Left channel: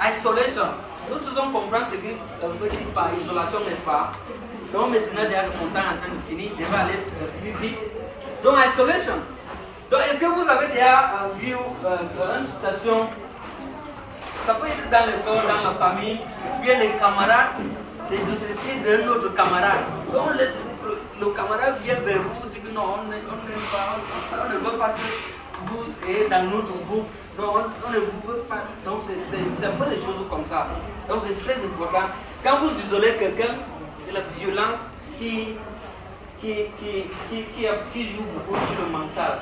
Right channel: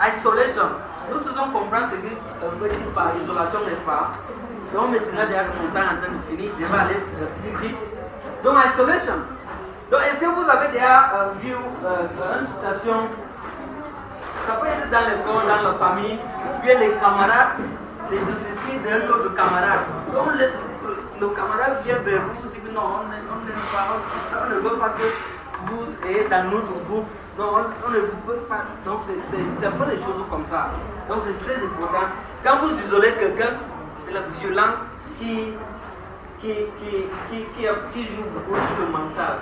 isolation. Nous tous on comprend ce que veut dire par isolation, n'est-ce pas? Donc, mais sinon, déjà, mon temps est en train de finir, je vais aller plus vite. Donc, isolation. Donc, est-ce que vous avez déjà vu une situation, ça peut être dans l'école, dans la famille, ou bien les camarades de ceci, d'un autre camarade. Donc, le camarade vient vers vous, dit que non, on ne veut pas que vous ayez dans notre groupe. Donc, on ne vous veut pas. Donc, c'est un peu des choses comme ça. Donc, c'est très important. Quand vous isolez quelqu'un, c'est la violence qui joue beaucoup sur le mental.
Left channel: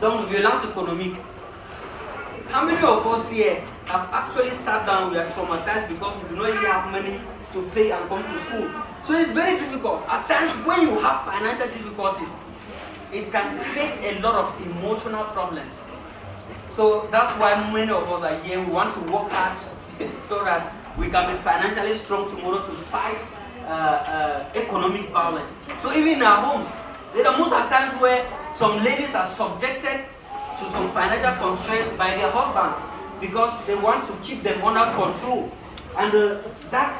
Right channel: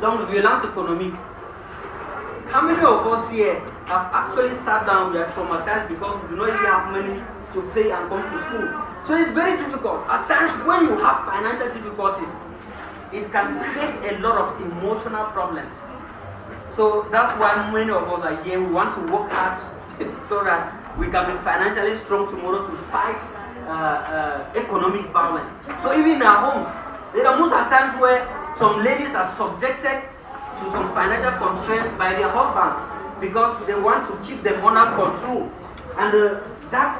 Donc, violence économique. How many of us here have actually sat down, we are traumatized because we do not even have money to pay and come to school? So it's very difficult. At times, when you have financial difficulties, it can create a lot of emotional problems. So that's why many of us are here. We want to work hard so that we can be financially strong tomorrow to fight economic violence. So even in our homes, there are most times where some ladies are subjected to some financial constraints by their husbands because they want to keep them under control, and that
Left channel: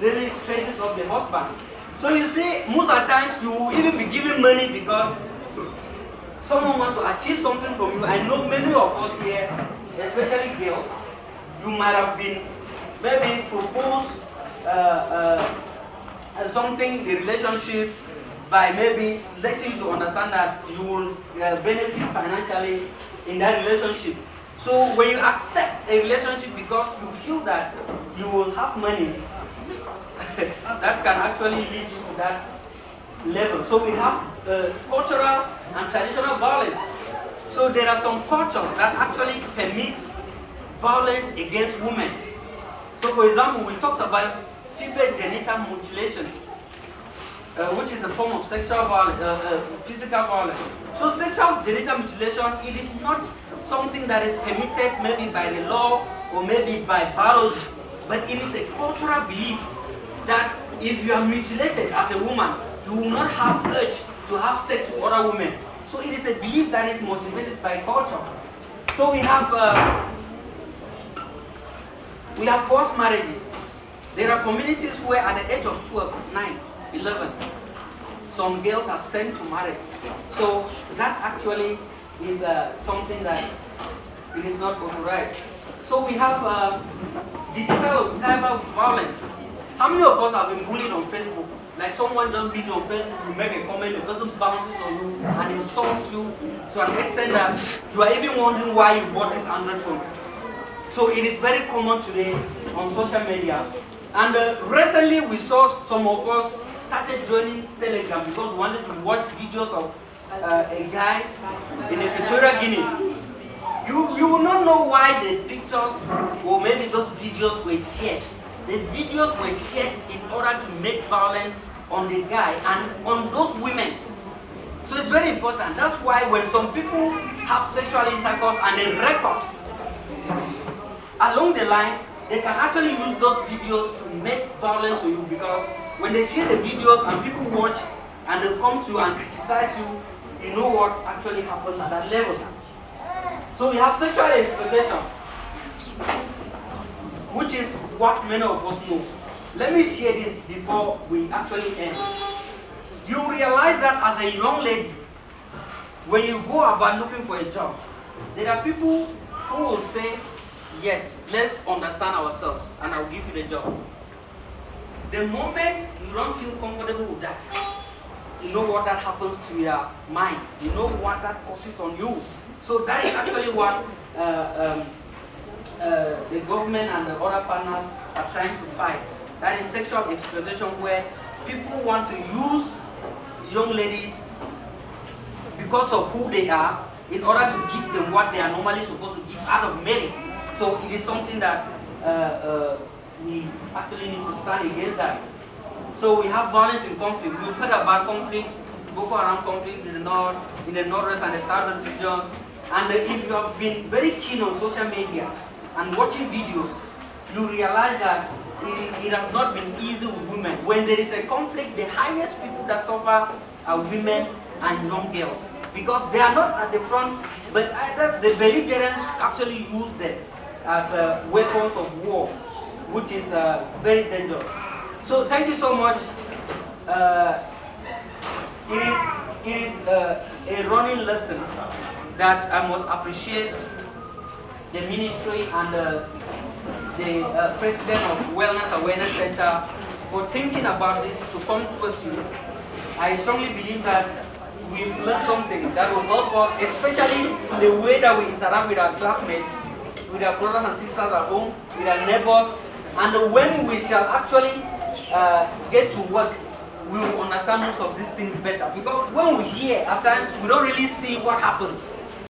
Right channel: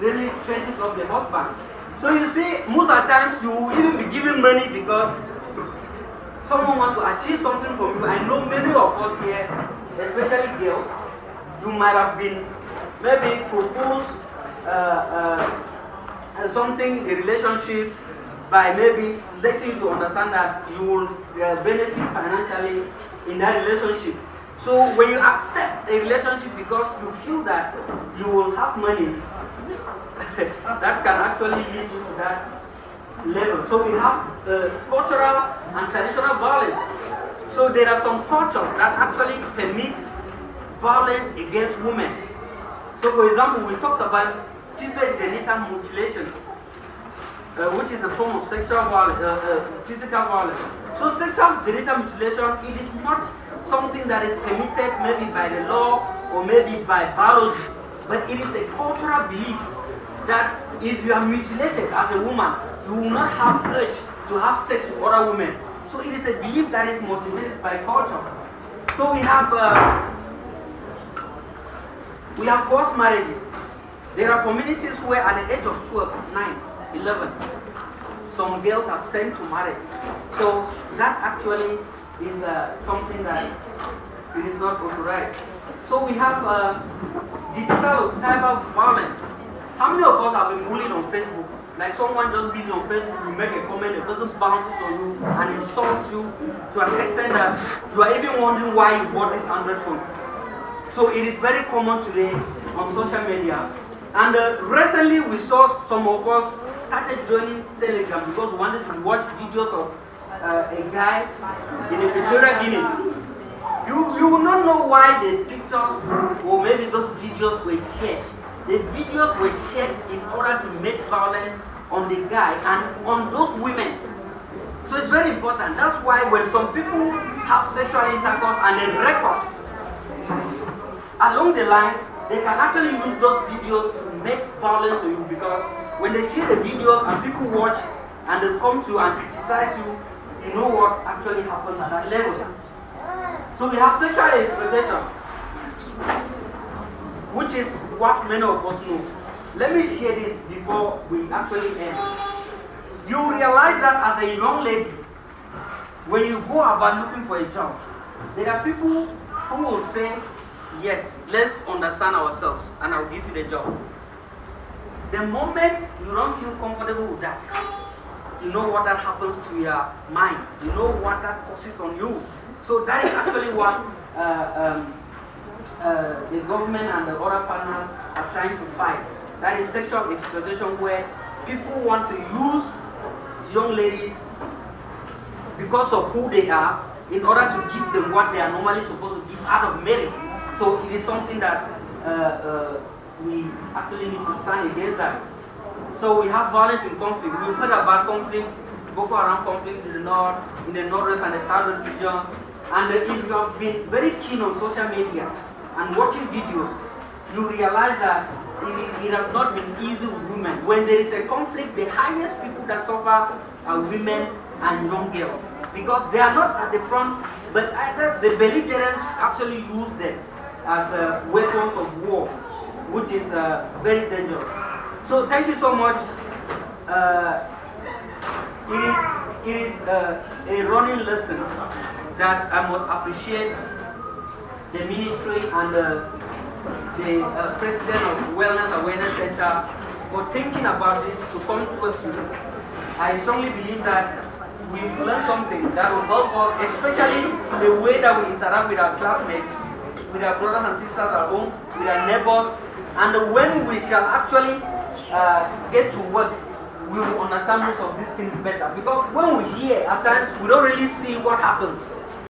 really stresses up the husband. So you see, most of the times you will even be giving money because someone wants to achieve something from you. I know many of us here, especially girls, you might have been maybe proposed something, a relationship, by maybe letting you to understand that you will benefit financially in that relationship. So when you accept a relationship because you feel that you will have money, that can actually lead you to that level. So we have cultural and traditional violence. So there are some cultures that actually permit violence against women. So for example, we talked about female genital mutilation, which is a form of sexual violence, physical violence. So sexual genital mutilation, it is not something that is permitted maybe by the law or maybe by biology, but it is a cultural belief that if you are mutilated as a woman, you will not have urge to have sex with other women. So it is a belief that is motivated by culture. So we have forced marriages. There are communities where at the age of 12, 9, 11, some girls are sent to marriage. So that actually is something that it is not authorized. So we have digital or cyber violence. How many of us have been bullied on Facebook? Like someone just beat you on Facebook, you make a comment, the person bounces on you and insults you to an extent that you are even wondering why you bought this Android phone. So it is very common today on social media. And recently we saw some of us started joining Telegram because we wanted to watch videos of a guy in Equatorial Guinea. You will not know why the pictures or maybe those videos were shared. The videos were shared in order to make violence on the guy and on those women. So it's very important. That's why when some people have sexual intercourse and they record, along the line, they can actually use those videos to make violence on you, because when they see the videos and people watch and they come to and criticize you, you know what actually happens at that level. So we have sexual exploitation, which is what many of us know. Let me share this before we actually end. You realize that as a young lady, when you go about looking for a job, there are people who will say, yes, let's understand ourselves and I'll give you the job. The moment you don't feel comfortable with that, you know what that happens to your mind. You know what that causes on you. So that is actually what the government and the other partners are trying to fight. That is sexual exploitation, where people want to use young ladies because of who they are in order to give them what they are normally supposed to give out of merit. So it is something that we actually need to stand against that. So we have violence in conflict. We've heard about conflicts, Boko Haram conflict in the north, in the northwest and the southwest region. And if you have been very keen on social media and watching videos, you realize that it has not been easy with women. When there is a conflict, the highest people that suffer are women and young girls, because they are not at the front, but either the belligerents actually use them as weapons of war, which is very dangerous. So thank you so much. It is a running lesson that I must appreciate the ministry and the president of Wellness Awareness Center for thinking about this to come to us. I strongly believe that we've learned something that will help us, especially the way that we interact with our classmates, with our brothers and sisters at home, with our neighbors, and when we shall actually get to work, we will understand most of these things better. Because when we hear, at times we don't really see what happens.